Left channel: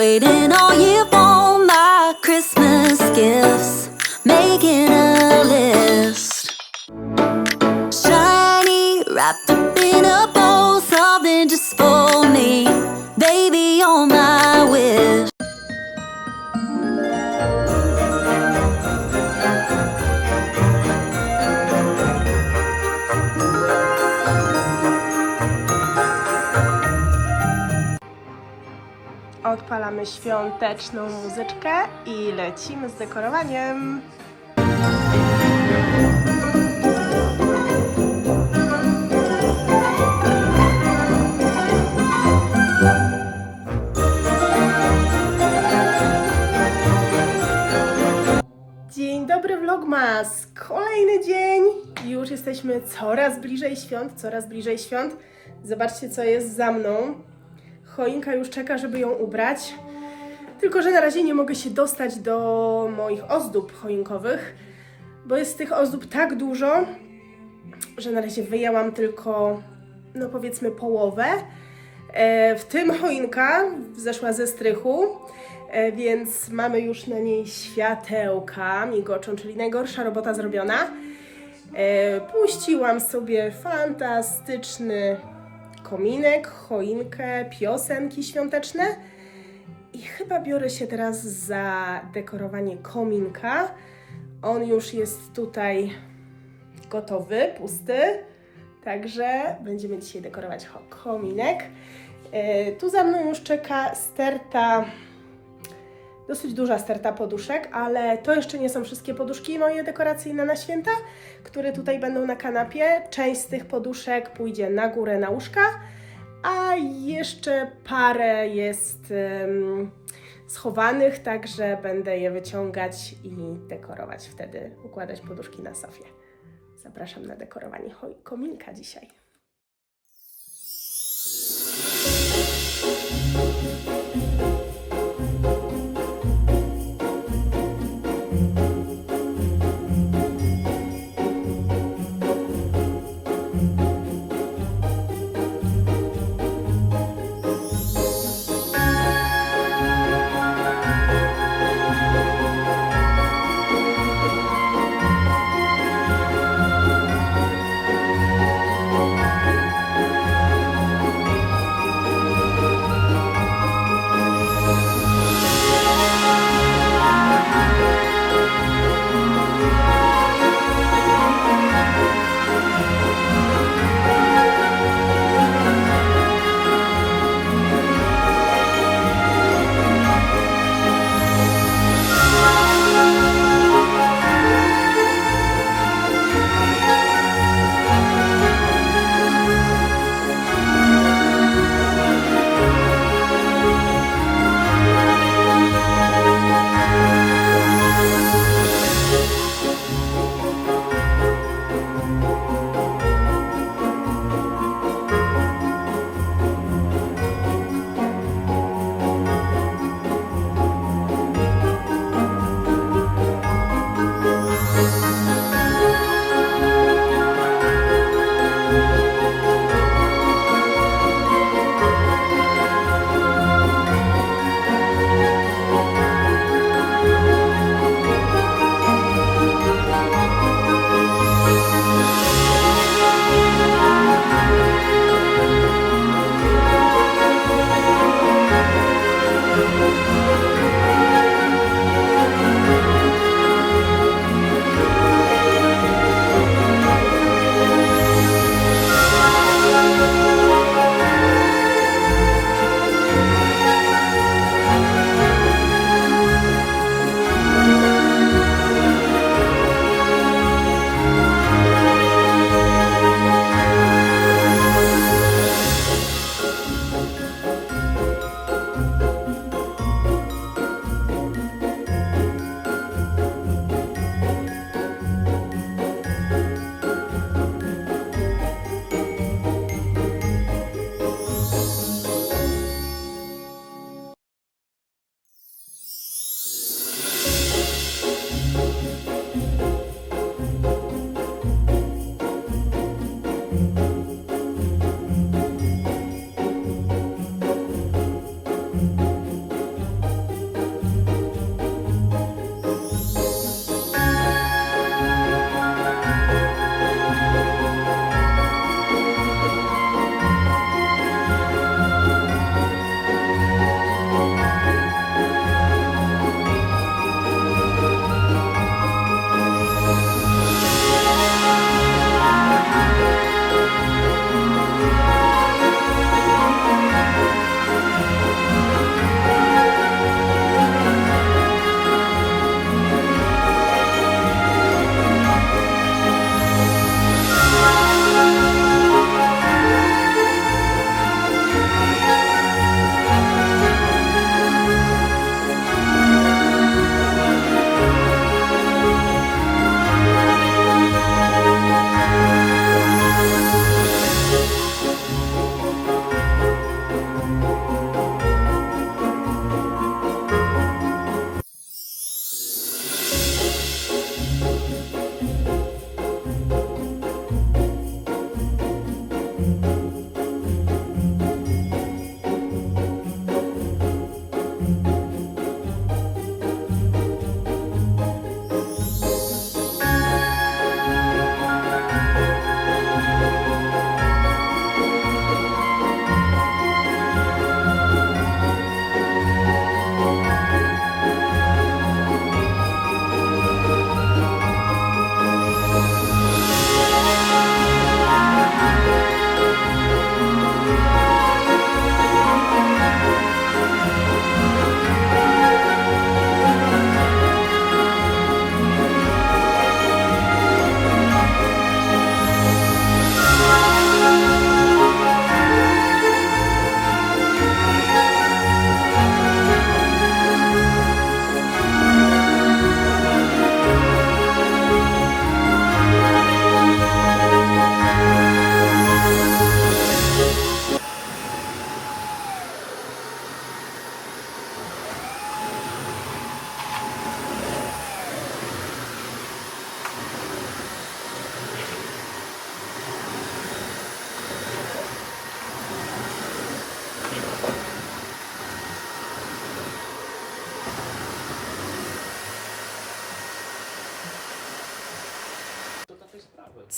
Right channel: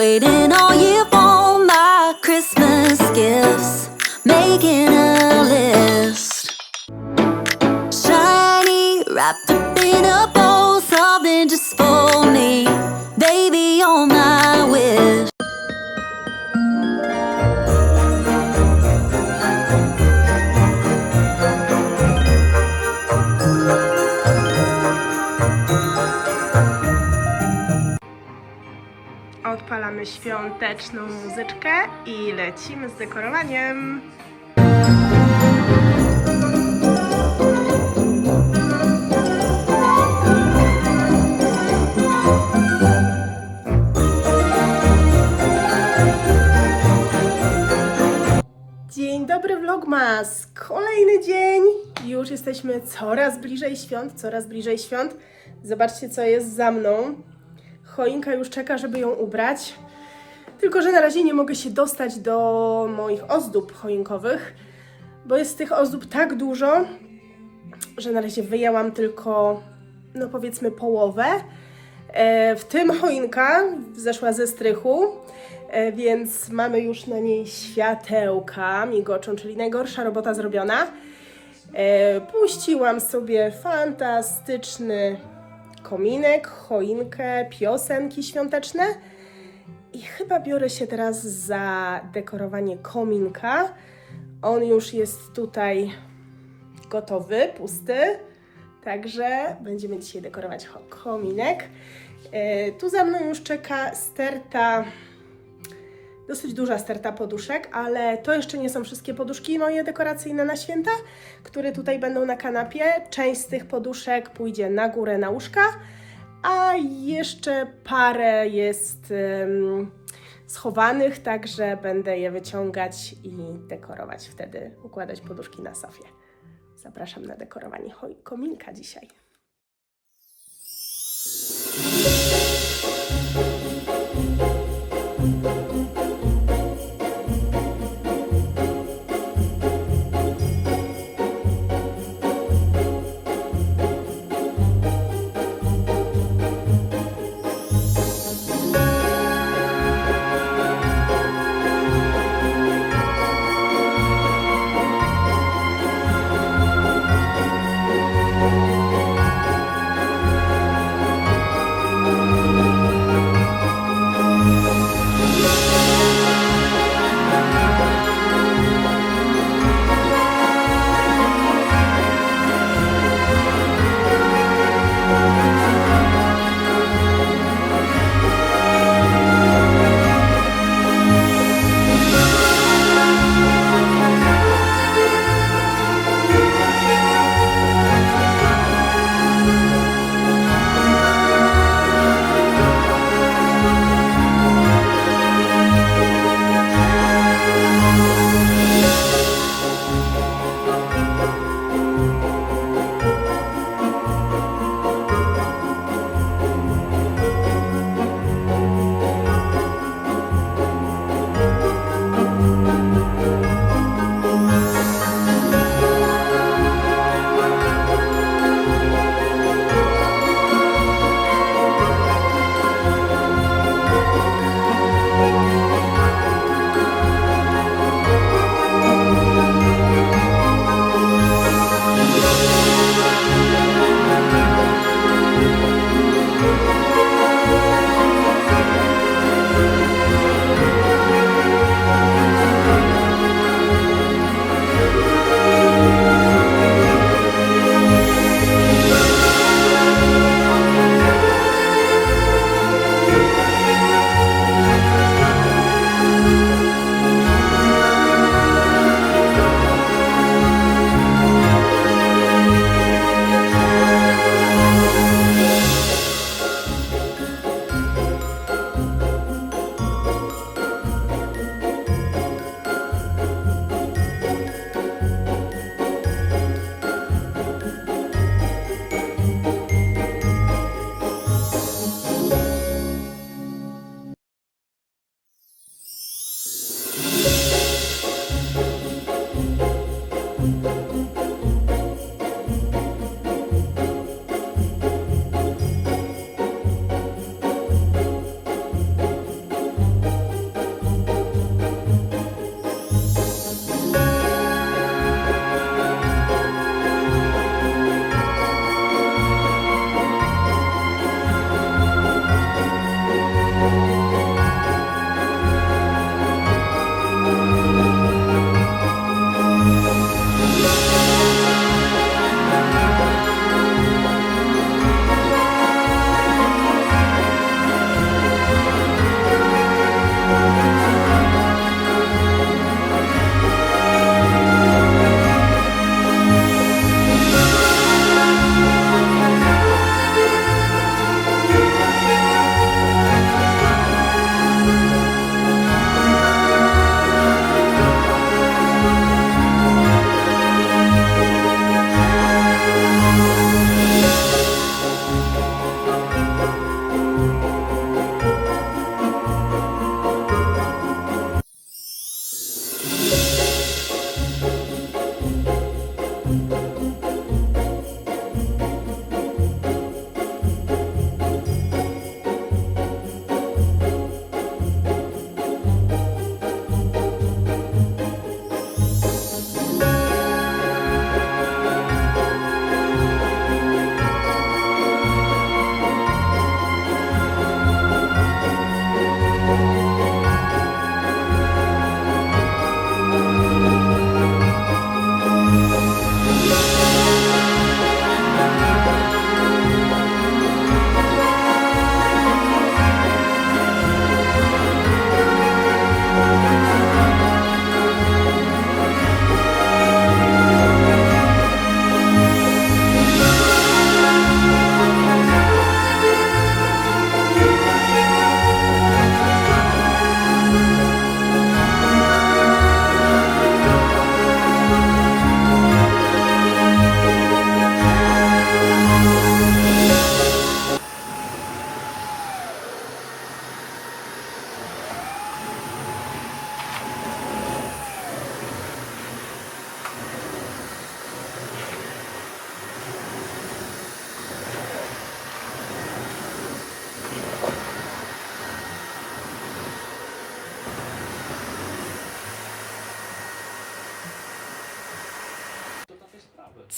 waiting all year for my Christmas gifts, making a list. Shiny, wrapped Odpalamy świąteczną muzyczkę i lecimy z dekorowaniem. Dzień dobry Vlogmas! Kolejny dzień! Już jesteśmy coraz bliżej świąt, coraz bliżej świąt. Zobaczcie, co jest za mną. Choinka już czeka, żeby ją ubrać. Tylko, że na razie nie mogę się dostać do moich ozdób choinkowych, bo jest tych ozdób tak dużo, że na razie wyjęłam tylko, no powiedzmy, połowę. E, w tym choinka zeszła ze strychu, e, więc mamy już na niej światełka migoczą, czyli najgorsza robota zrobiona. E, puściłam sobie fantastyczny kominek, choinkę, piosenki świąteczne i chyba biorę się teraz za dekorowanie kominka. On już jest tutaj gotowy, pusty, także będziemy dzisiaj dekorować kominek. E, tu za mną już czeka sterta dosyć duża sterta poduszek, ale to jeszcze nie są wszystkie poduszki moje dekoracyjne na święta, które tutaj będą na kanapie. Część z tych poduszek pójdzie na górę na łóżka, a jeszcze parę jest em, schowanych, także będę je wyciągać i dekorować wtedy, układać poduszki na sofie. Zapraszam na dekorowanie kominka dzisiaj.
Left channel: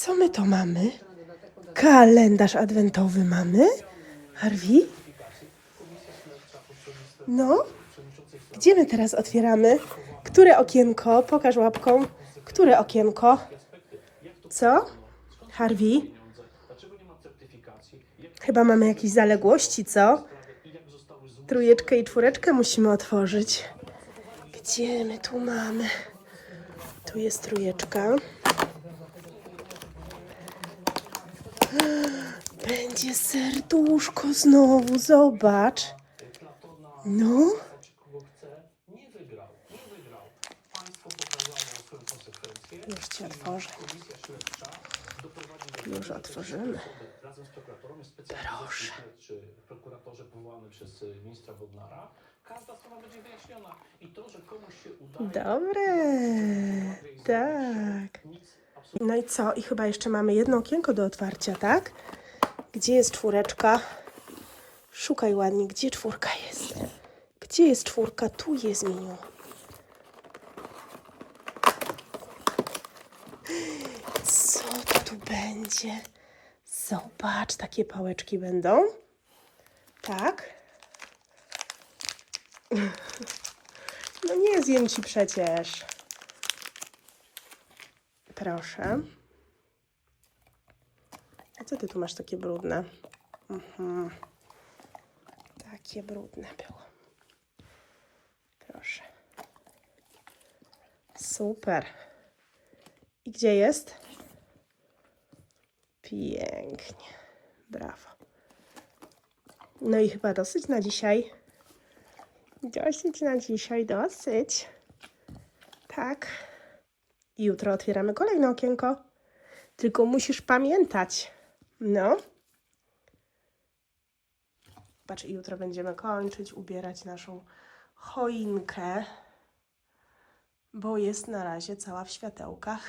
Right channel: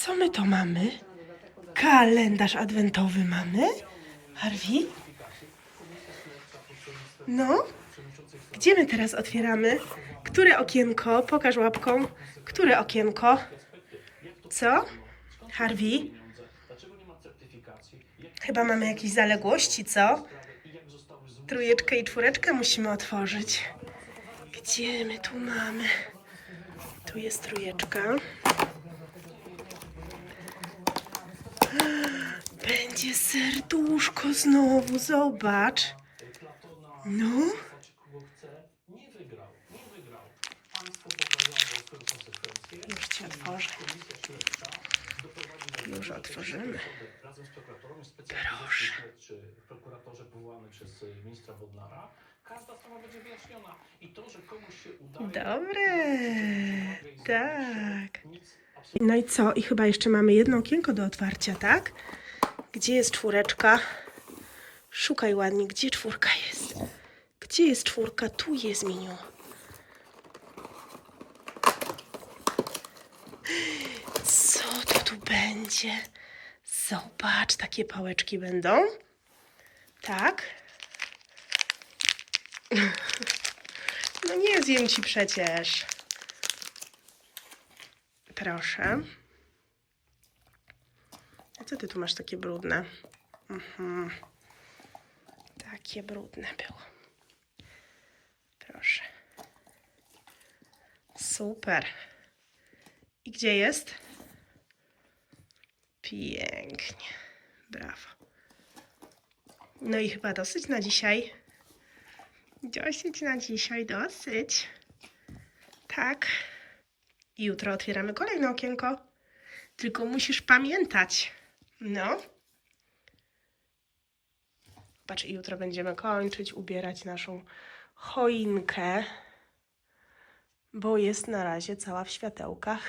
Co my to mamy? Kalendarz adwentowy mamy? Harvey? No? Gdzie my teraz otwieramy? Które okienko? Pokaż łapką. Które okienko? Co? Harvey? Chyba mamy jakieś zaległości, co? Trójeczkę i czwóreczkę musimy otworzyć. Gdzie my tu mamy? Tu jest trójeczka. Będzie serduszko znowu, zobacz. No. Już ci otworzę. Już otworzymy. Proszę. czy prokuratorze powołany przez ministra każda strona będzie wyjaśniona. I to, że komuś się Dobre. Tak. No i co? I chyba jeszcze mamy jedno okienko do otwarcia, tak? Gdzie jest czwóreczka? Szukaj ładnie, gdzie czwórka jest? Gdzie jest czwórka? Tu jest miniu. Co to tu będzie? Zobacz, takie pałeczki będą. Tak. No nie zjem ci przecież. Proszę. A co ty tu masz takie brudne? Mhm. Takie brudne było. Proszę. Super. I gdzie jest? Pięknie. Brawo. No i chyba dosyć na dzisiaj. Dosyć na dzisiaj, dosyć. Tak. I jutro otwieramy kolejne okienko. Tylko musisz pamiętać. No. Patrz, i jutro będziemy kończyć, ubierać naszą choinkę, bo jest na razie cała w światełkach.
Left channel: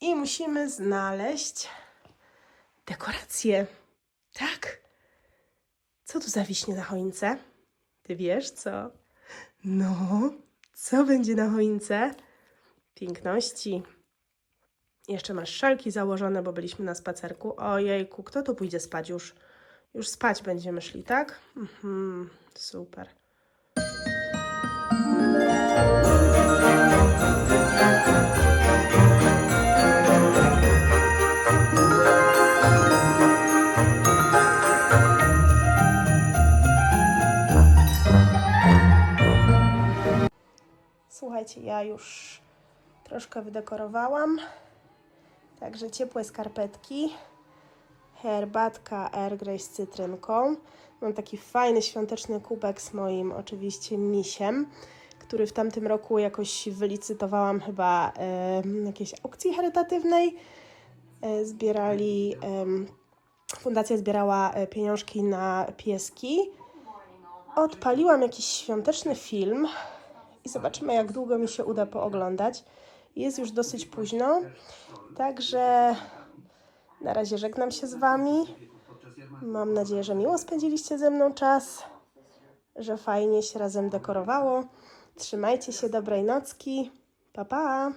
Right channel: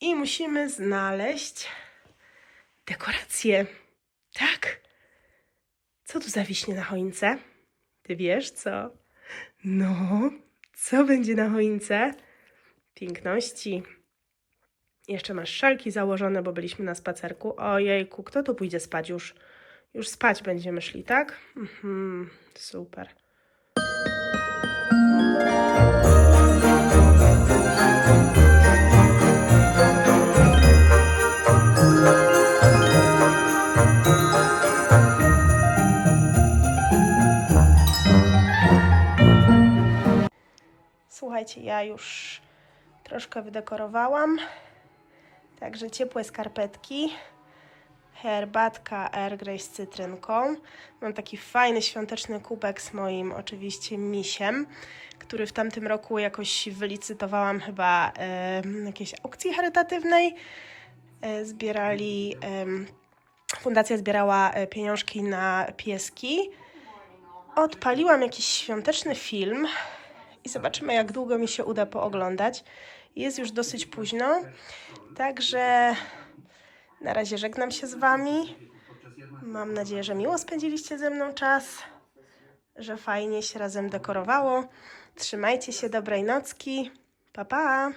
I musimy znaleźć dekorację. Tak? Co tu zawiśnie na choince? Ty wiesz co? No, co będzie na choince? Piękności. Jeszcze masz szalki założone, bo byliśmy na spacerku. Ojejku, kto tu pójdzie spać już? Już spać będziemy szli, tak? Mhm, super. Słuchajcie, ja już troszkę wydekorowałam. Także ciepłe skarpetki, herbatka Air Grey z cytrynką. Mam taki fajny świąteczny kubek z moim oczywiście misiem, który w tamtym roku jakoś wylicytowałam chyba na jakiejś aukcji charytatywnej. E, zbierali, em, fundacja zbierała e, pieniążki na pieski. Odpaliłam jakiś świąteczny film i zobaczymy, jak długo mi się uda pooglądać. Jest już dosyć późno, także na razie żegnam się z Wami. Mam nadzieję, że miło spędziliście ze mną czas, że fajnie się razem dekorowało. Trzymajcie się, dobrej nocki. Pa, pa!